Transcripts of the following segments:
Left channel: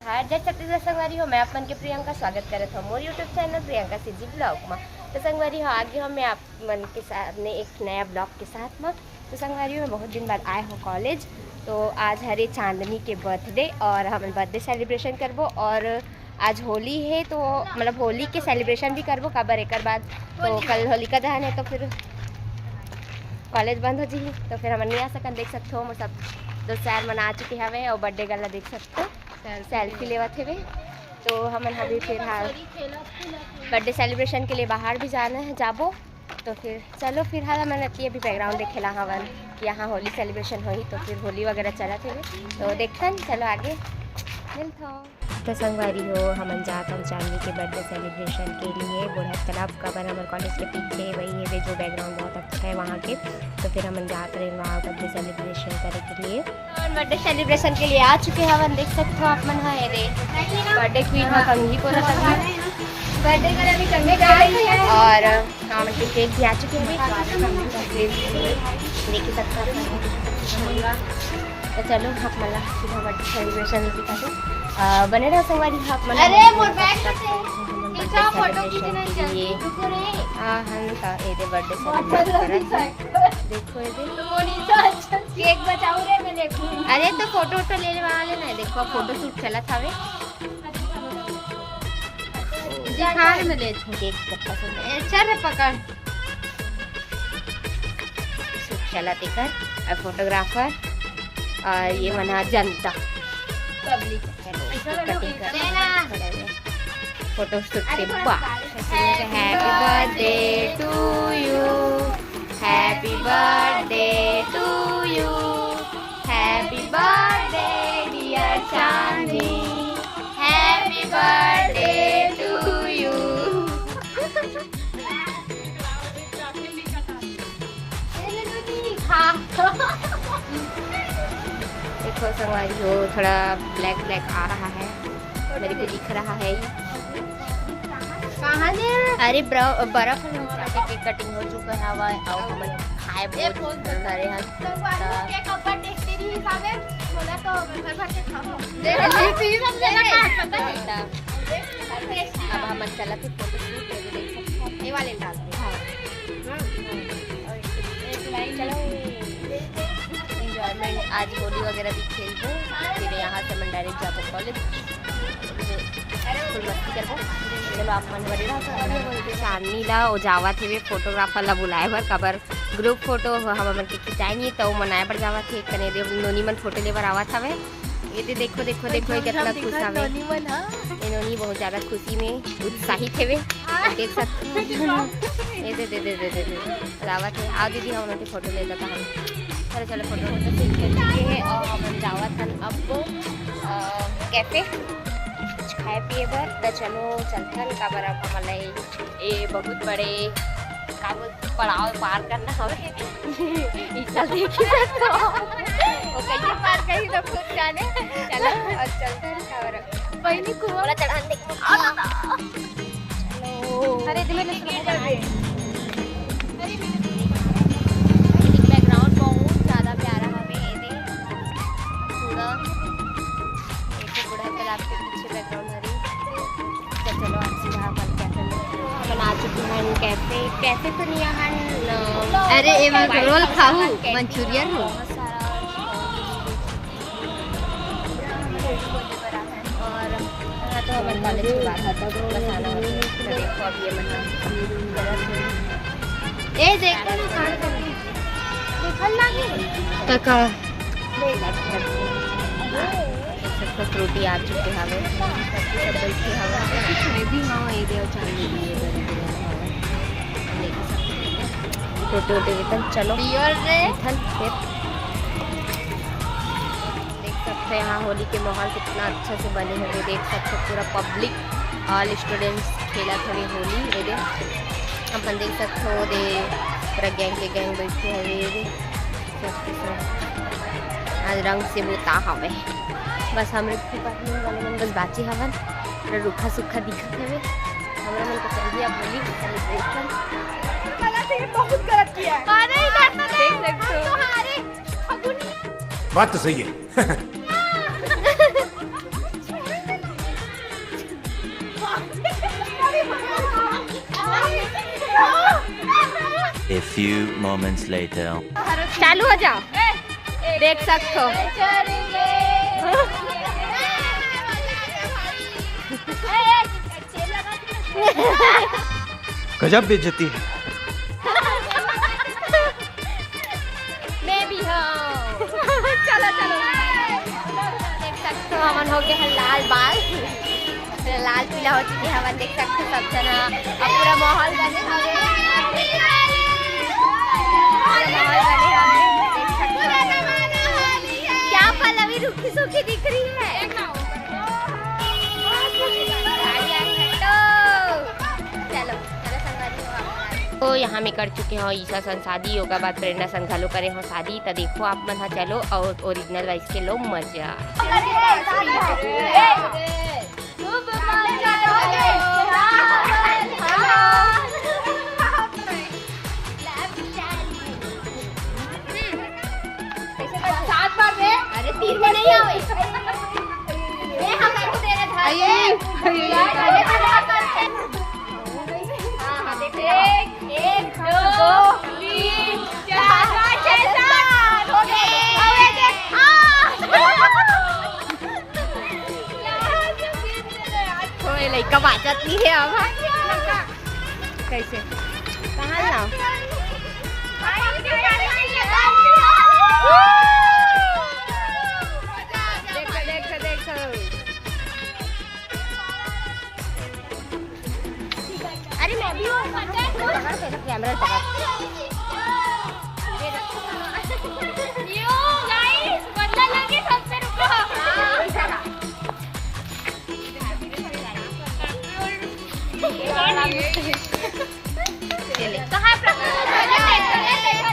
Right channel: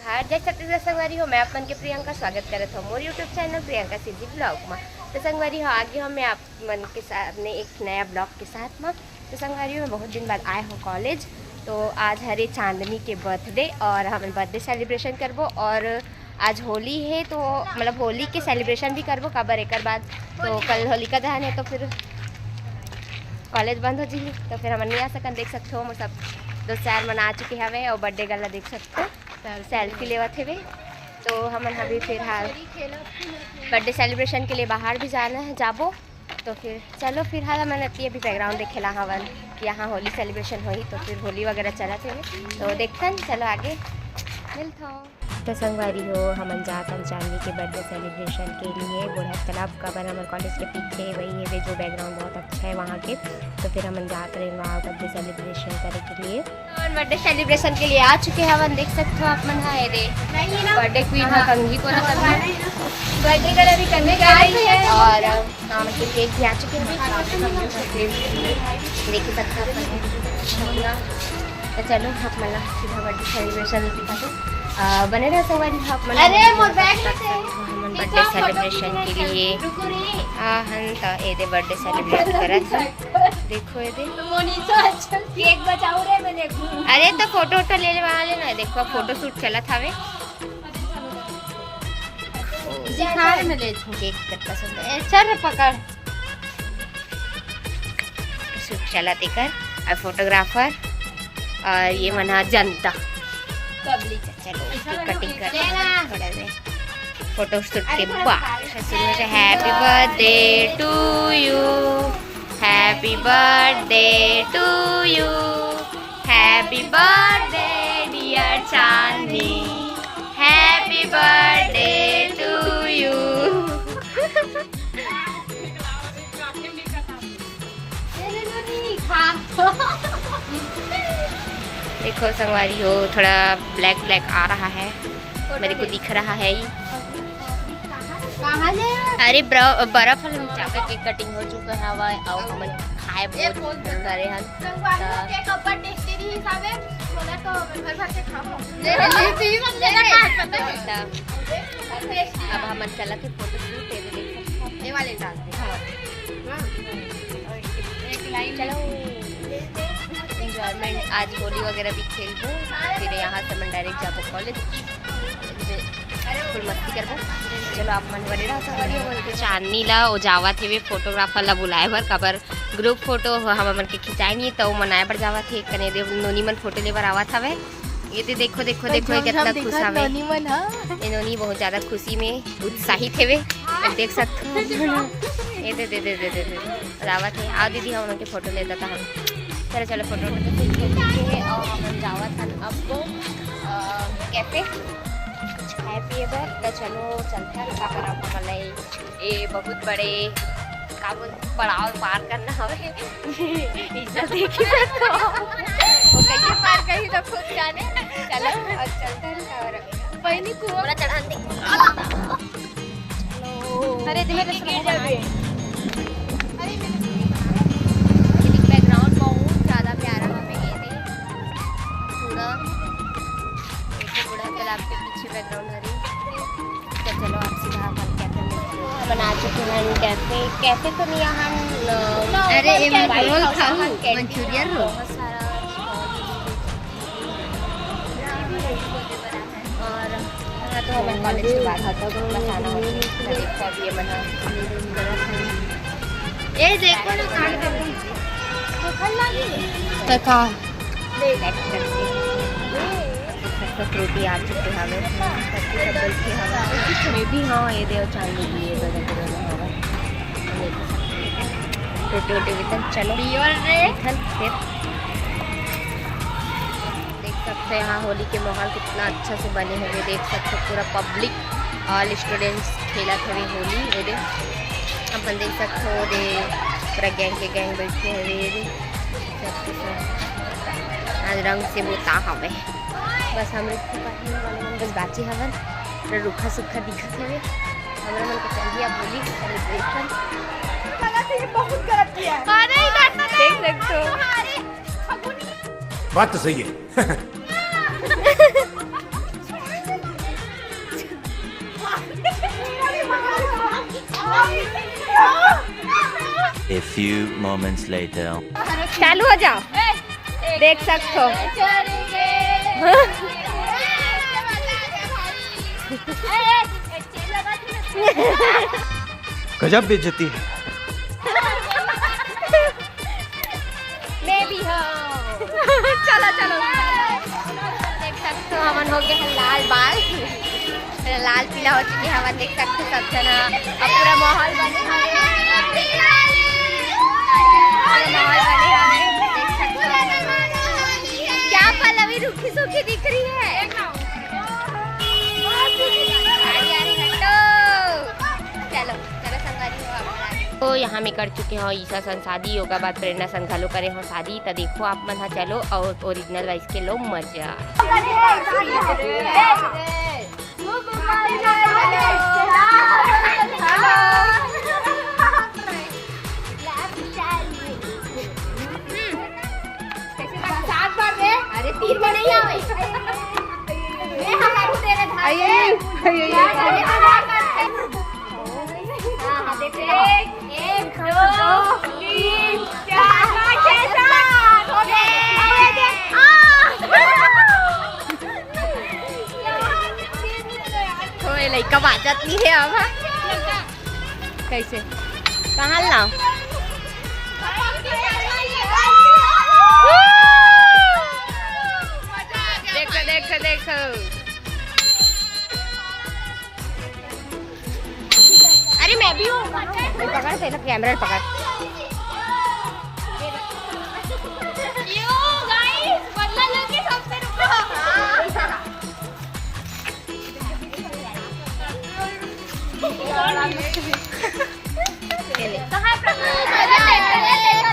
हार जय छत्तीसगढ़ संगवारी हो। मैं अपन के प्रियंका स्वागत करत हूँ मोर YouTube channel Priyanka CG blog में। तो संगवारी हो आगे हम मैं आप मन के सामने एक नया ब्लॉग के साथ में। तो संगवारी हो मैं बहुत दिन बाद आए हो कॉलेज। तो आज हरे चांदनी के बर्थडे और हम बर्थडे सेलिब्रेशन करबो और आज होली है तो मतलब होली के सेलिब्रेशन भी करबो काबर एक बाद। तो कल होलिका दहन है तो फिर कॉलेज बंद हो जी तो फिर हम नहीं आ सकन। देख सकते हो सब दोस्त यार मन आ चुके हवे और बर्थडे गला देख सकते हो सेल्फी लेवत थे। तो हम अभी फिर हाल बर्थडे सेलिब्रेशन के लिए बाहर भी जाना है जाबो। तो फिर चलो फिर हाल मैंने अभी बैकग्राउंड देखेला हवन कि यहाँ होली सेलिब्रेशन हुई तो फिर होली वगैरह चला थे तो देखते चलो आगे मिलता। तो संगवारी हो हम जातन चांदनी के बर्थडे सेलिब्रेशन के लिए बुढ़त तालाब का बना हमारे कॉलेज के पीछे वही है जो बैकग्राउंड बहुत अच्छा है वहाँ के। तो फिर हम जाते रहे वहाँ बर्थडे सेलिब्रेशन करने के लिए और बर्थडे सेलिब्रेशन के लिए आ चुके हैं। हम देख सकते हो आप मन है रे बर्थडे क्वीन हाँ कंघी को बर्थडे करने और हाँ मतलब केक भी आ चुके हैं देख सकते हो। तो चलो आप मतलब सीधा बर्थडे सेलिब्रेशन दिखा दो बने रहो संगवारी आप मन बर्थडे सेलिब्रेशन के लिए हन तो ये बर्थडे सेलिब्रेट करत देखो ये केक बचाओ रे मैंने। अरे तो फोटो वोटो ले ले वाले ना देखो फोटो शूट चला था वे दिखाने में ले केक कितना सुंदर अच्छा रे पकड़ शूट चला देकर और फोटोग्राफर और ये मना जनता चलो कटिंग कर फोटो शूट के बाद happy birthday to you happy birthday to you happy birthday dear Chandni happy birthday to you. देखो संगवारी हो थोड़ा ब्लैक ब्लैक आ रहा है मेरे को दिख रहा है ही। अरे बर्फ हम चाहते केक कटिंग हो चुका है हवा और हम खाए बहुत सारे हैं अब हम चला थे फोटो शूट देख वाले चलो एंजॉयमेंट आज होली वगैरह भी खेलबो फिर यहाँ से मैं डायरेक्ट जाबो कॉलेज फुल मस्ती करबो। चलो आप मन बड़े रहा संगवारी बोल के चांदनी ला ओ जावा थे वे फोटोग्राफर ला बुलाए बर काबर ग्रुप फोटो हम मन के खिंचाई नहीं तो मनाए बर जावा थे कने दे नोनी मन फोटो लेबर आवत हवे। ये दे देखो देखो देखो ये कितना खुश हवे ये नोनी बहुत ज़्यादा खुशी में उत्साहित है वे देख सकते हो। ये दे दे दे दे दे आवत है आओ दीदी हम उनके फोटो लेता था हम चलो चलो फोटो फोटो शूट हो चुके हैं और हम जावा था अब कैफे कुछ खाए पिए बर तो चलो चलता काबर अब हमारे ये बहुत बड़े काबू पड़ाव पार करना हवे इतना देखिए तो वो कैसे पार करी तो खुद जाने। चलो और चलता काबर पहले कुआं चढ़ा दे चलो अरे मेरे स्केट है बैकग्राउंड बहुत ज़्यादा प्यारा हमें ये पूरा एक पूरा तालाब के पीछे बैकग्राउंड हरी। तो चलो आप सीधा अपन कैफे में बना चुके हैं कैफे कैफे तो नहीं यहाँ अरे रोल खाओ मंचूरियन रो और तो हमारे कॉलेज के बाद हटा तो बस आना होता है देखो अभी ये बना ये देखो ना कान का फ्रूटी आ चुके हवे सब बैठे हवे भी हाँ ये दे चांदी भी ये बड़े बड़े हवे फोटो वोटो चलो फिर देख सकते हैं यहाँ होली के माहौल कितना अच्छा से बने हुए देख सकते हो पूरा पब्लिक ऑल स्टूडेंट्स खेला थे होली ये दे अपन देख सकते हो दे पूरा गैंग के गैंग बैठे हुए आज रंग से बोता हवे बस हम वाले मन बस बाची हवन रूखा सूखा दिखत है हमारा मन को चाहिए अब होली सेलिब्रेशन देख सकते हो बात तो सही है A few moments later. चालू हो जाओ, देख सकते हो। गजब बेइज्जती है। मैं भी हो। चलो चलो, देख सकते हो हमन हो गए हैं लाल बाल, लाल पीला हो चुके हैं। देख सकते हो सब जना, अब पूरा माहौल बने हवे, पूरा माहौल बने हवे। देख सकते हो क्या पल्लवी रूखी सूखी दिख रही है। गाड़ी आ रही है, चलो चलो संगवारी हो आप। तो यहाँ में कर चुके हो ईसा सन शादी, योगा बाद प्रेरणा सन घालो करे हो शादी। तो देखो आप मन चलो और ओरिजिनल वाइस के लो मजा। अरे तीर में नहीं आवे, ये हमारे तेरे एक दो तीन चार कोई लड़का बाजत नहीं है अब। कैसे कहाँ लाओ? देखो देखो देखो, अरे मैं भी हूँ। पकड़ से कैमरा पकड़।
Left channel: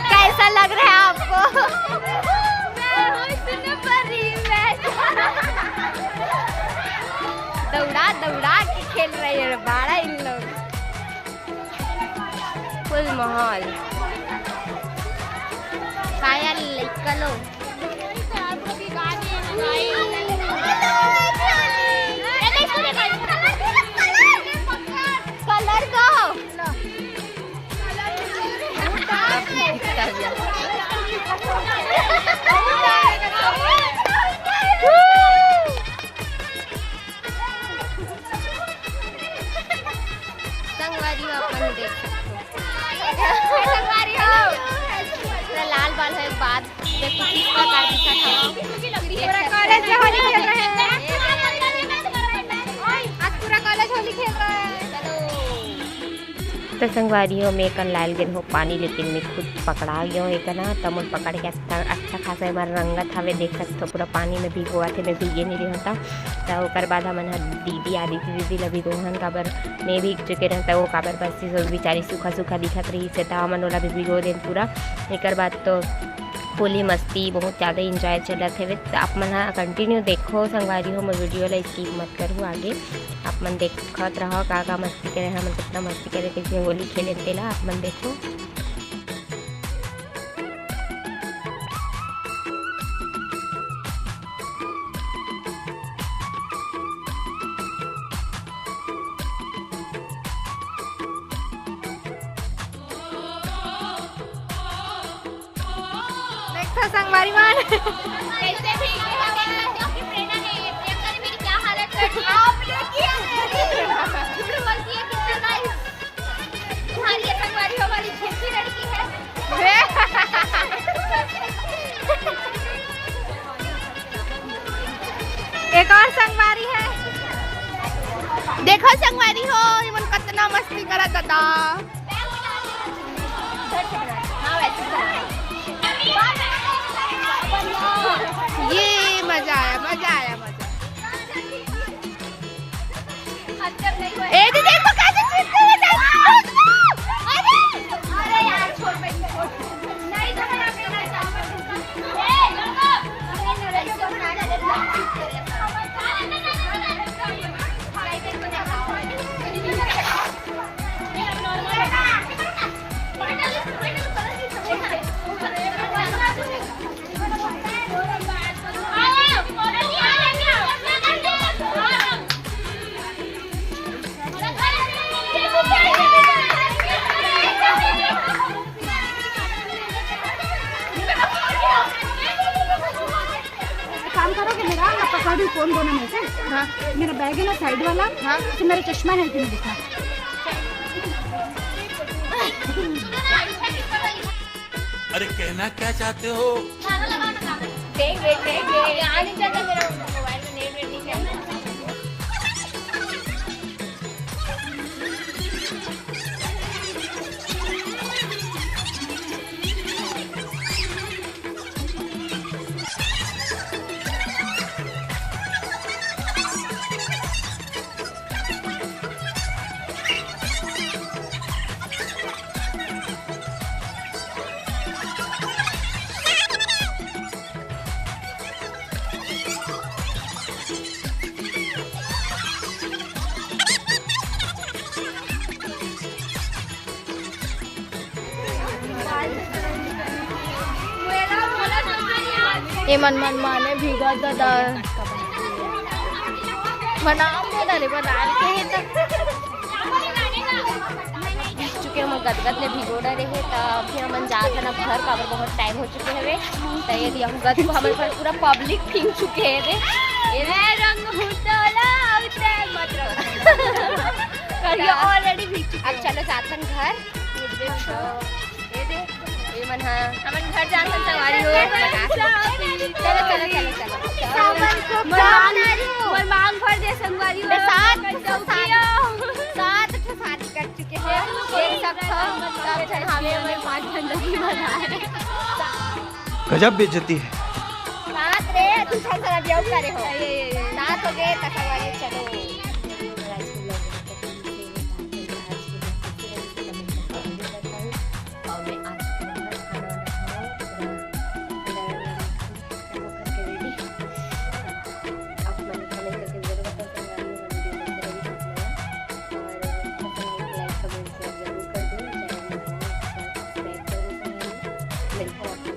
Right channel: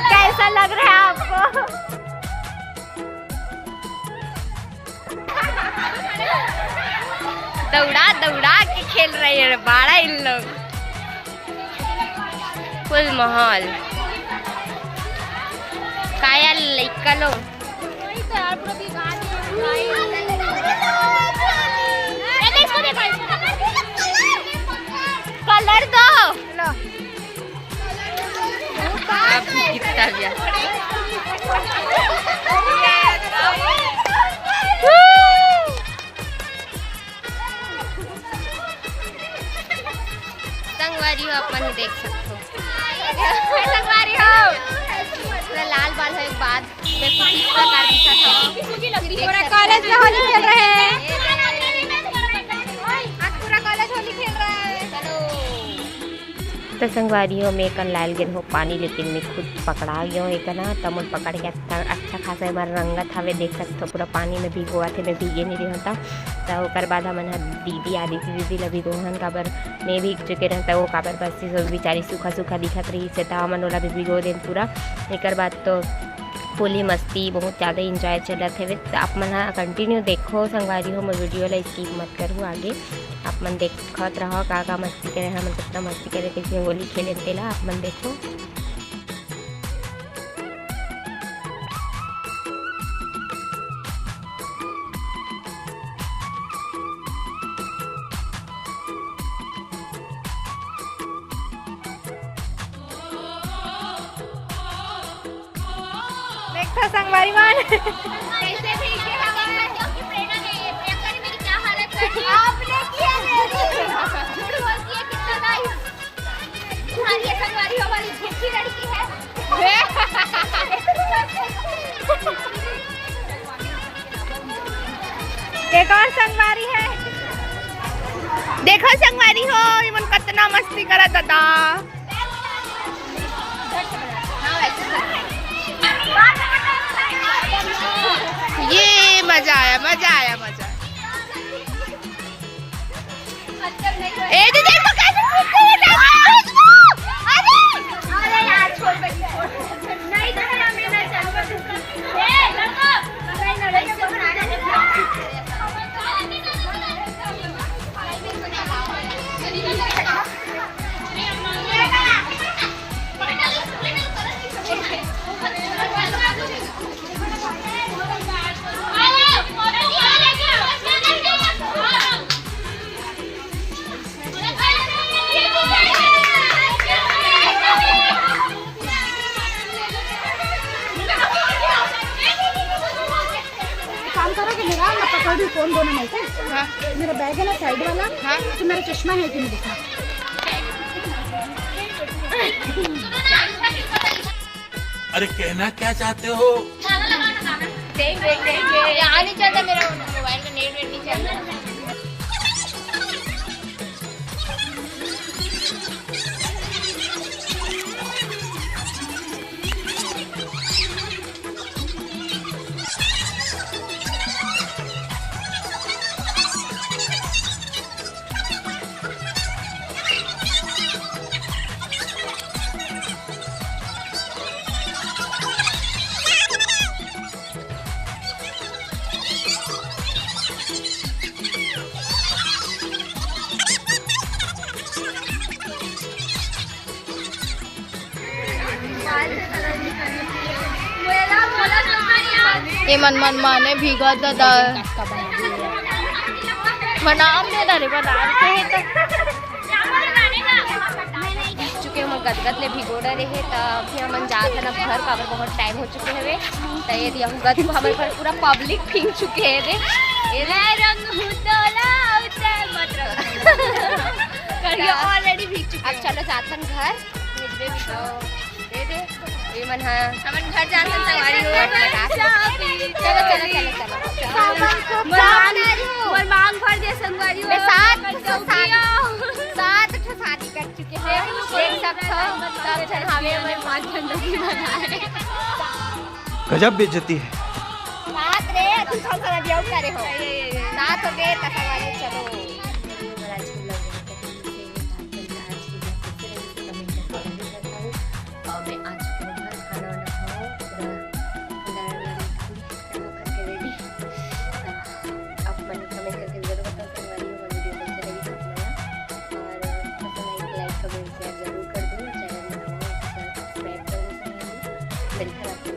कैसा लग रहा है आपको? दौड़ा दौड़ा के खेल रहे हैं बाड़ा इन लोग। फुल माहौल काया लइका लो। कलर दो अब कितना भी संगवारी हो अपन देख सकते हो। लाल बाल हो एक बाद में कुछ इस प्रकार दिखा था। तो संगवारियों में कल लाल गए हो पानी, लेकिन मैं खुद पकड़ा गया हूँ एक ना। तब पकड़ के अच्छा खासा हमारा रंगत हवे देख सकते हो। पूरा पानी में भिगोआ थे, मैं भीगे नहीं रही होता। तो ओकर बाद हमन दीदी आदि थी, दीदी लभी रोहन काबर मैं भीग चुके रहता। वो काबर बस बेचारी सूखा सूखा दिखत रही से, तो हमन ओला भी भिगो देन पूरा। एक बाद तो फुली मस्ती बहुत ज़्यादा इंजॉय चलत है। तो आप मन कंटिन्यू देखो संगवारी हो, मैं वीडियो ला स्किप मत करूँ आगे। आप मन देखत रहो का मस्ती करे, हम कितना मस्ती करे, कैसे होली खेले तेला आप मन देखो। संगवारी मान कैसे भीगे हवा, क्योंकि प्रेरणा ने मेरी क्या हालत कर दी आपने किया बोलती है कितना नाइस तुम्हारी संगवारी हमारी अच्छी लड़की है। एक और संगवारी है, देखो संगवारी हो इमन कितना मस्ती करा दादा। ये मजा आया मजा आया मजा। ए दीदी को कैसे छूटते हैं जाते? अरे यार छोड़ बे, नहीं तो है मैं ना चल। ए लगा अरे नरे को बना दे। बता दूँ कौन दोनों में से? हाँ, मेरा बैग है ना साइड वाला। हाँ, तो मेरा चश्मा है कि नहीं दिखा? अरे कहना क्या चाहते हो? देख यहाँ नहीं चलता मेरा मोबाइल में, नेट नहीं चलता। ये मन माने भीगा दादा बनाम दे दारे बनाम के तो चुके हम गदगद ले भिगोड़ा रहे तो अभी हम जात है ना घर का बहुत टाइम हो चुके हैं तो ये हम गद हमारे घर पूरा पब्लिक फिंग चुके हैं रे रंग हुतोला उते मतलब ऑलरेडी भीग चुके। अब चलो जातन घर ये मन हाँ हमन घर जाकर चलो चलो चलो चलो और मांग भर दे संगवारी मैं साथ शादी कर चुके हैं एक सब हमें 5 घंटों की बनाए गजब बेइज्जती है। साथ रे तुम सब सारा ब्याह करे हो साथ हो गए तकवारी चलो जरूर कर दो, चैनल बनाओ, सब्सक्राइब करो, मिलकर आपको